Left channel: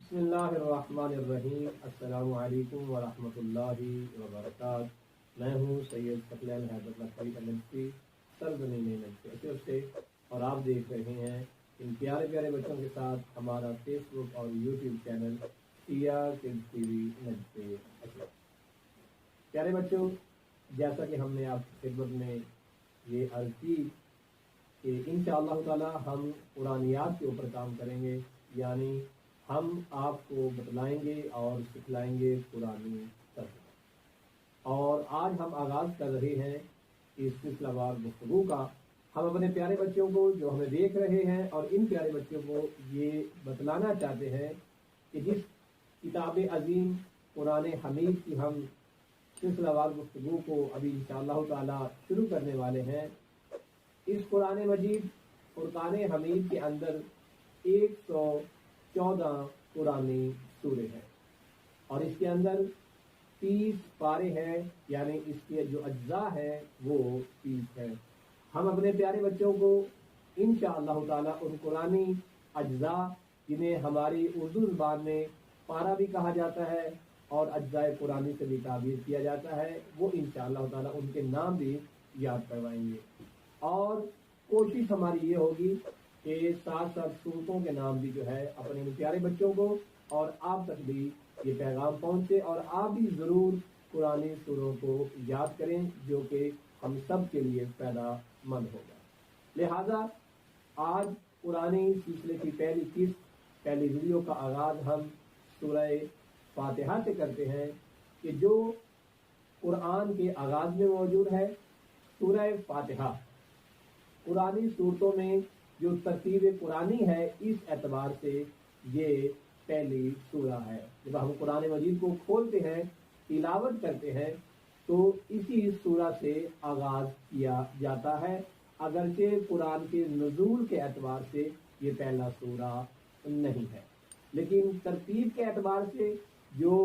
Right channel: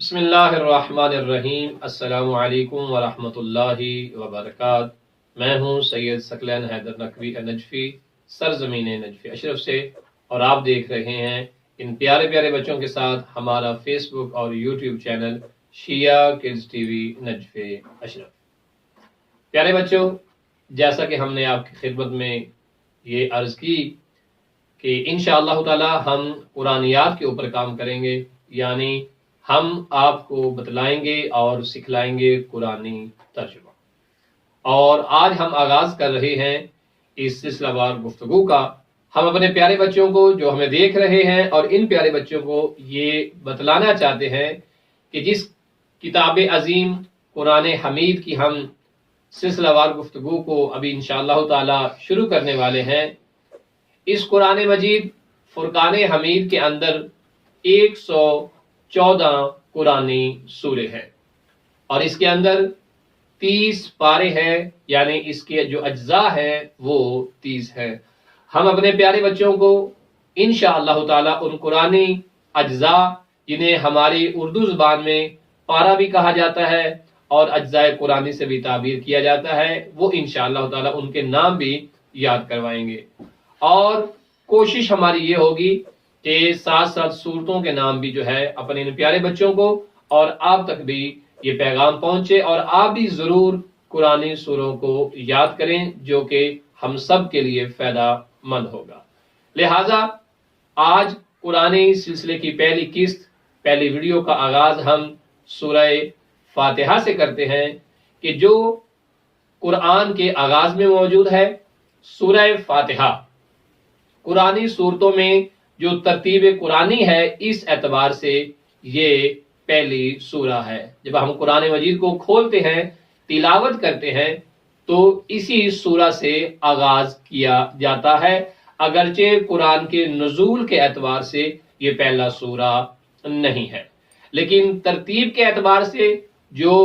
بسم اللہ الرحمن الرحیم۔ السلام علیکم ورحمۃ اللہ وبرکاتہ۔ میں ہوں سید ثقلین حیدر نقوی نجفی، سرزمین نجفی اشرف سے، اور آپ دیکھ رہے ہیں ان پیارے پیارے بچوں کے ساتھ ہمارا فیس بک اور یوٹیوب چینل شیعہ کڈز ٹی وی نجفی اشرف۔ پیارے بچوں، جیسا کہ ہم نے آپ کی خدمت میں یہ عرض کی کہ انشاءاللہ تعالی ہم قرآنیات کے اوپر کام کریں گے، یعنی ہم آپ کو بتلائیں گے اور سکھلائیں گے قرآنی ترجمہ۔ اور آج ہم آغاز کر رہے ہیں اس سلسلہ وار گفتگو کا۔ ہم اپنے پیارے بچوں کو جو ہمیں دیکھ رہے ہیں اور ان پیارے بچوں کو یہ بتلانا چاہتے ہیں کہ جس کتاب عظیم قرآن حمید کی ہم سلسلہ وار گفتگو کو ابھی انشاءاللہ تعالی شروع کرنے والے ہیں، اس قرآن مجید فرقان حمید کے اندر 114 قرآنی سورے ہیں، اور اس کے اندر 30 پارے ہیں، یعنی اس کے جو اجزاء ہیں وہ 30 ہیں۔ ہم اپنے پیارے بچوں کو انشاءاللہ تعالی ان قرآنی اجزاء، جنہیں ہماری اردو زبان میں پارہ بھی کہا جاتا ہے اور اجزاء قرآنی سے بھی تعبیر کیا جاتا ہے، وہ انشاءاللہ تعالی ان کے نام بھی یاد کروائیں گے۔ اور کوشش ہماری یہ ہوگی کہ ساتھ ساتھ صورتوں کے نام بھی جو ہے اپنے ان پیارے بچوں کو اور آپ تک بھی یہ پیغام پہنچے، اور آپ بھی ضرور قرآنی سوروں کو یاد کریں، جو کہ ہم سب کے لیے فائدہ مند ہوگا۔ لہٰذا آج قرآنی سلسلے کی پہلی قسط، پہلی ویڈیو کا آغاز ہم سورہ فاتحہ سے کرتے ہیں، کہ جو قرآن کے آغاز میں موجود ہے۔ سورہ فاتحہ قرآنی صورتوں میں جو ترتیب قرآنی ہے، اس اعتبار سے یہ پہلی سورہ ہے۔ جب ہم قرآن مجید کو کھولتے ہیں، تلاوت کرتے ہیں، تو اسی سورہ سے آغاز کیا جاتا ہے، اگرچہ قرآن کے نزول کے اعتبار سے یہ پہلا سورہ نہیں ہے، لیکن ترتیب کے اعتبار سے جو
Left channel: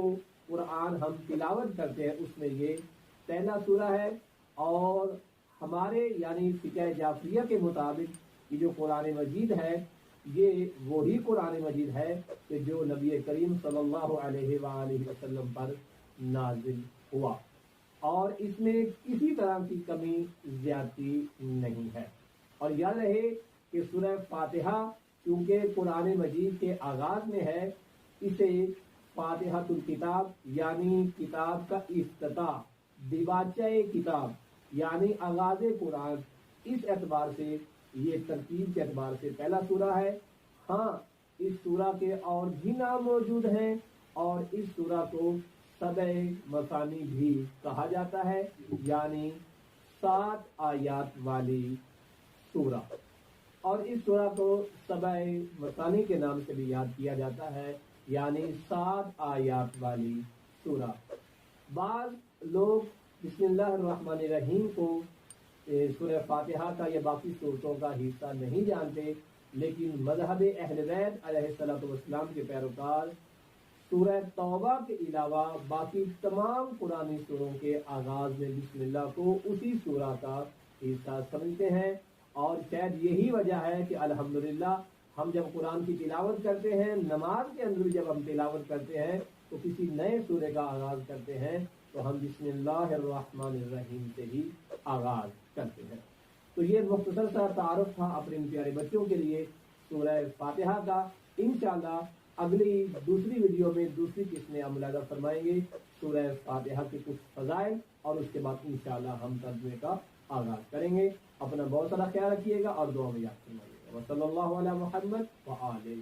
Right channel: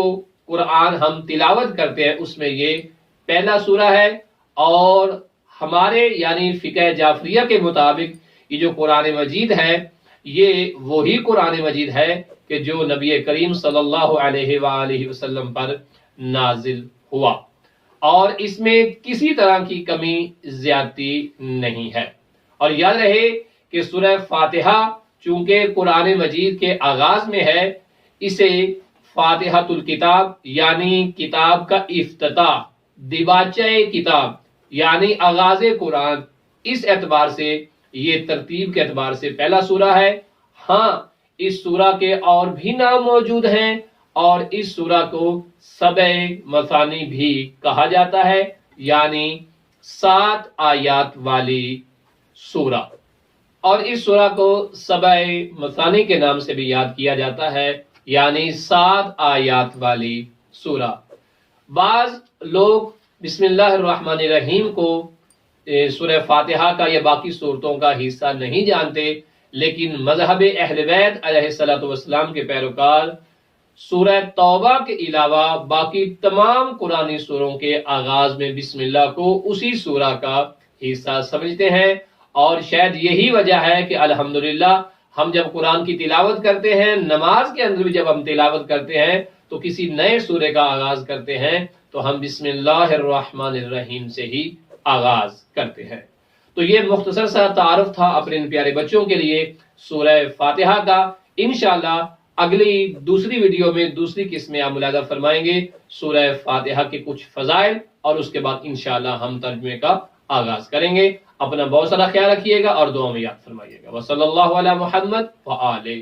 قرآن ہم تلاوت کرتے ہیں اس میں یہ پہلا سورہ ہے۔ اور ہمارے یعنی فقہ جعفریہ کے مطابق یہ جو قرآن مجید ہے، یہ وہی قرآن مجید ہے کہ جو نبی کریم صلی اللہ علیہ وآلہ وسلم پر نازل ہوا، اور اس میں کسی طرح کی کمی زیادتی نہیں ہے۔ اور یاد رہے کہ سورہ فاتحہ چونکہ قرآن مجید کے آغاز میں ہے، اسے فاتحۃ الکتاب یعنی کتاب کا افتتاح، دیباچہ کتاب یعنی آغاز قرآن، اس اعتبار سے یہ ترتیب کے اعتبار سے پہلا سورہ ہے۔ ہاں، اس سورہ کے اور بھی نام موجود ہیں، اور اس سورہ کو سبع مثانی بھی کہا جاتا ہے، یعنی 7 آیات والی سورہ۔ اور اس سورہ کو سبع مثانی کے نام سے بھی یاد کیا جاتا ہے، یعنی 7 آیات والی سورہ۔ بعض لوگ بسم اللہ الرحمن الرحیم کو سورہ فاتحہ کا یا باقی صورتوں کا حصہ نہیں جانتے، لیکن مذہب اہل بیت علیہ الصلوۃ والسلام کے پیروکار سورہ توبہ کے علاوہ باقی تمام قرآنی سوروں کے آغاز میں بسم اللہ کو اسی سورہ کا حصہ سمجھتے ہیں۔ اور شاید یہی وجہ ہے کہ الحمدللہ ہم جب قرآن کی تلاوت کرتے ہیں، نماز کے اندر بھی جب ہم تلاوت کرتے ہیں تو کسی نئے سورے کا آغاز کرتے ہیں تو ہم بسم اللہ الرحمن الرحیم سے ہی آغاز کرتے ہیں۔ تو یہ مختصر سا تعارف تھا اپنے ان پیارے بچوں کے لیے سورہ فاتحہ کا۔ انشاءاللہ اگلی دوسری ویڈیو میں دوسری قسم میں آپ ملاحظہ فرمائیں گے سورہ فاتحہ کے کچھ فضائل، اور اس کے بعد انشاءاللہ ہم ترجمے کا آغاز کریں گے۔ اپنا بہت سارا خیال رکھیے گا اور دعا میں یاد فرمائیے گا۔ وصلی اللہ علی محمد وآلہ